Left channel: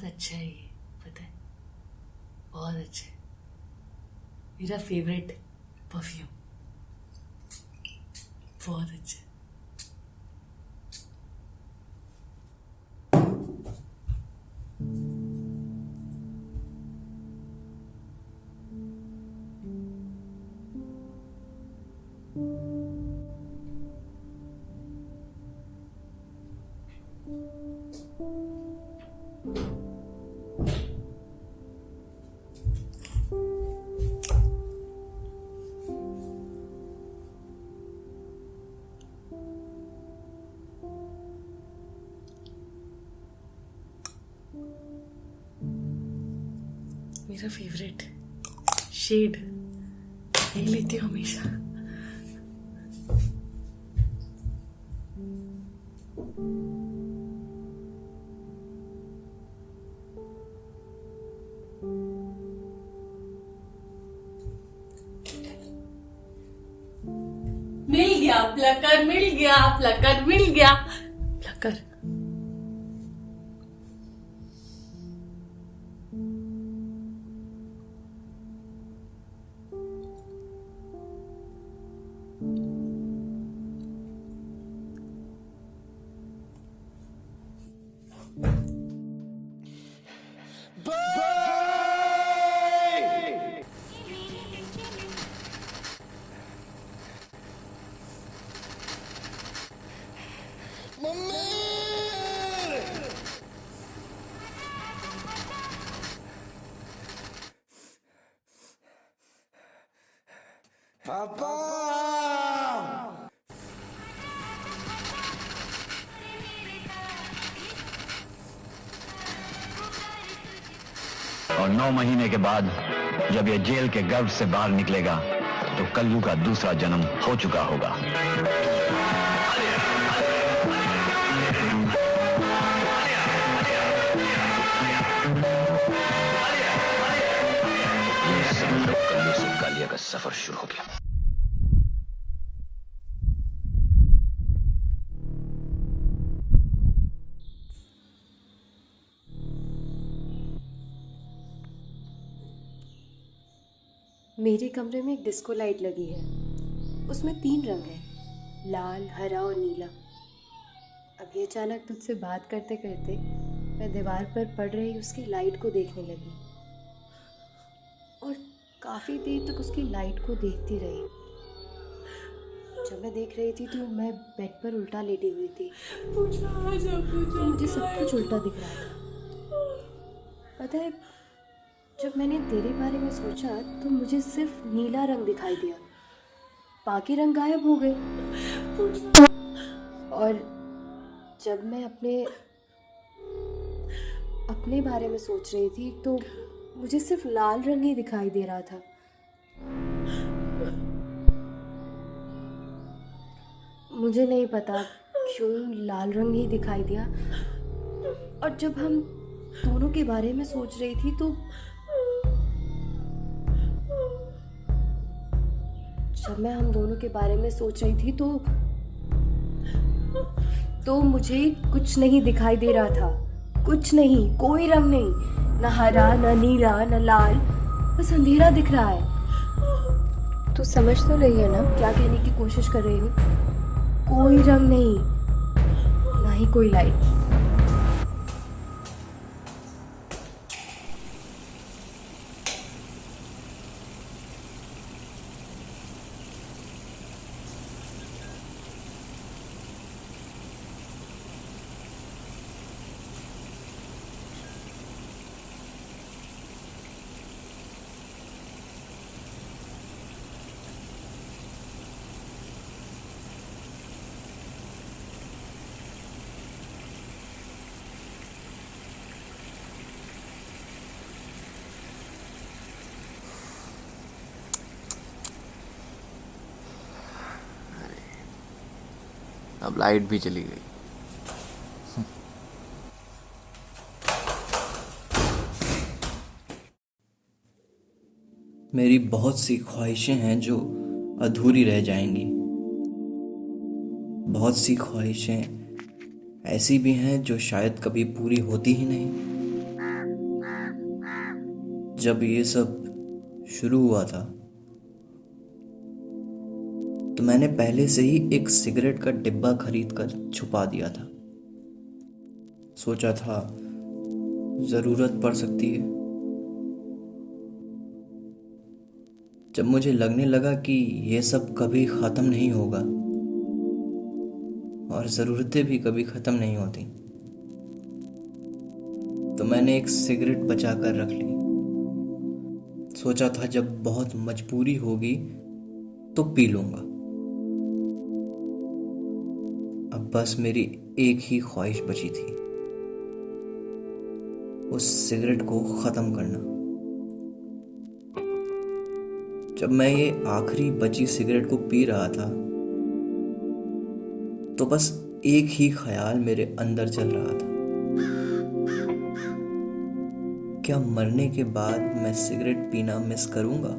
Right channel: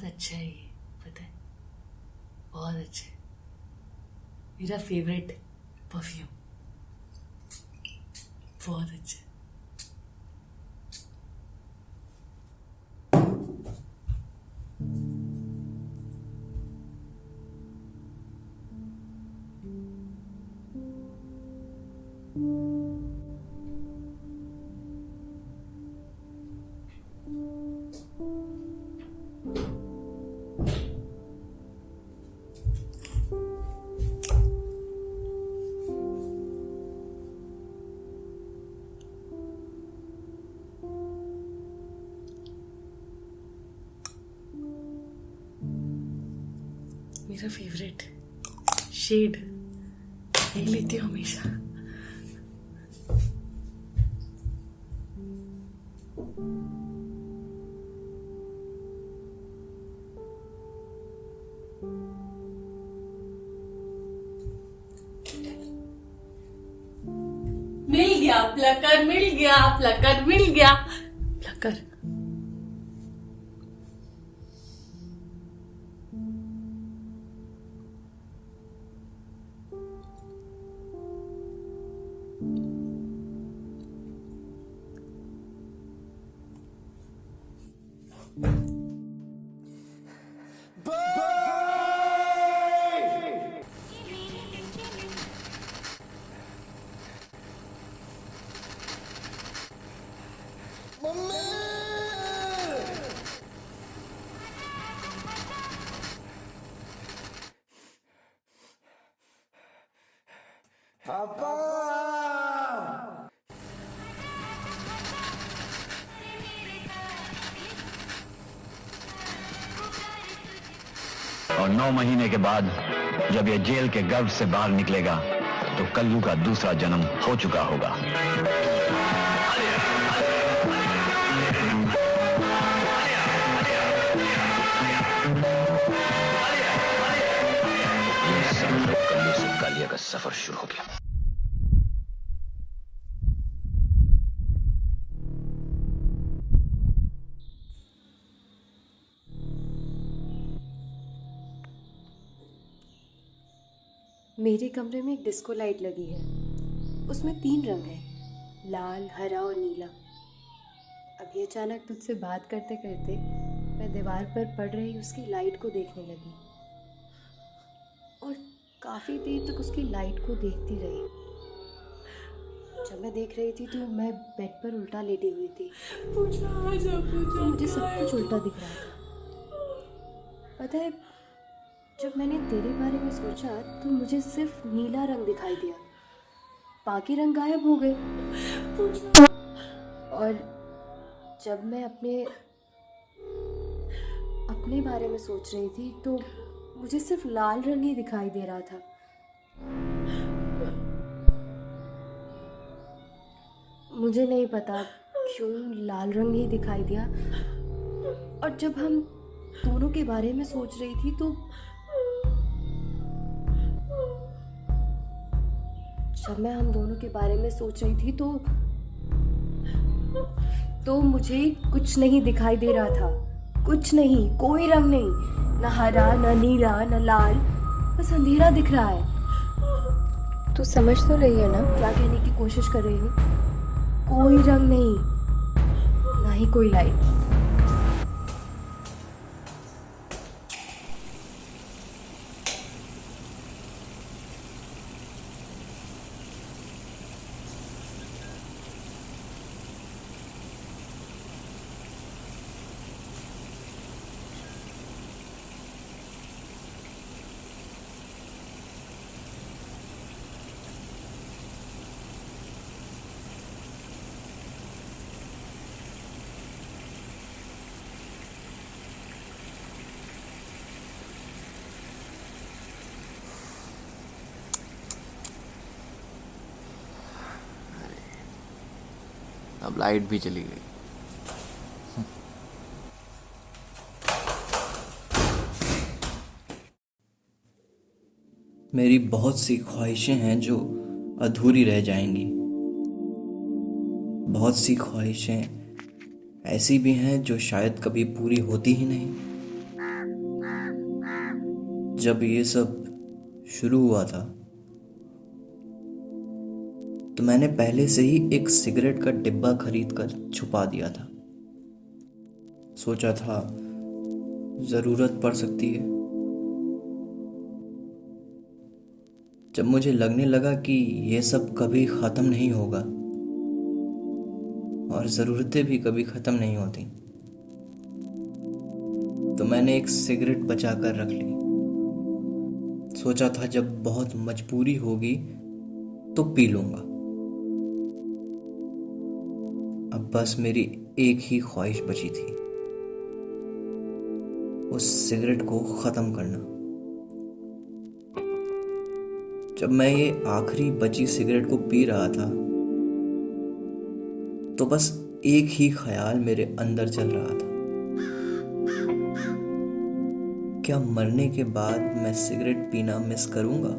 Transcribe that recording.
बहुत अच्छा है ये, पता है, बहुत अच्छा है। मेरा फेवरेट परफ्यूम, बहुत अच्छा है। मेरा फेवरेट शेड यही लेती हूँ हमेशा। मिल गया प्लकर, मिल गया प्लकर, मिल गया प्लकर। पापा! और 9 महीने के बाद जब ये जेल के गर्भ से बाहर निकलेगा तो कल्लू का दूसरा जन्म हो चुका होगा। ये समझ लो कल्लू से कालिया का सफर शुरू हो गया। मेरे कमरे में एक डिस्को लाइट लगी है। उसमें 3 रंग हैं, लाल, हरा और नीला। अभी अचानक तुझसे बात करते करते मैं दीवार पर पड़ रही उसकी लाइट को देखने लगी और काफ़ी देर तक उसकी लाइट को देखती रही। जब मैं देख रही थी तो मैं बेड पर उल्टा लेटी हुई थी। मुझे सब कुछ उल्टा दिख रहा था। पता है, जब मैंने तेरे बारे में सोचा तो मुझे सिर्फ नीला रंग दिखाई दिया, बाकी रंग गायब हो गए। और जब मैं अपने बारे में सोच रही थी तो मुझे सिर्फ लाल रंग ही दिखाई दे रहा था। मुझे नहीं पता क्यों लाल रंग ही दिखाई दिया। और जब हम दोनों के बारे में सोच रही थी तो मुझे कुछ नहीं दिखाई दे रहा था। कुछ नहीं, कोई रंग नहीं, ना हरा, ना नीला, ना लाल, बस अंधेरा दिख रहा है। तू समझ तो रही है ना क्या कहने की कोशिश कर रही हूँ? कोई रंग नहीं, ना ही कोई लाइट। अब लाइट भी चली गई। मेरी बहुत सी ख्वाहिशें हैं जो अधूरी रह जाएंगी। बहुत सी ख्वाहिशें ऐसी भी हैं जो शायद कभी पूरी होती ही नहीं। जब ये सब शुरू हुआ था तो मैंने पहले से ही एक सिगरेट का डिब्बा खरीद कर छुपा दिया था। सोचा था ज़रूरत पड़ सकती है। जब मुझे लगने लगा कि ये सब कभी ख़त्म नहीं होगा और ज़रूरतें भी कभी ख़त्म नहीं होती, तो मैंने एक सिगरेट बचा कर रख ली। सोचा था जब बहुत मजबूरी होगी तो पी लूँगा। अब बस मेरी एक ही ख्वाहिश बची थी, उस सिगरेट को ख़त्म करना। जब मैं ये आखिरी बची सिगरेट को पी रहा था तो बस एक ही ख्याल मेरे अंदर चल रहा था, क्या मरने के बाद मैं सिगरेट पीना मिस करूंगा?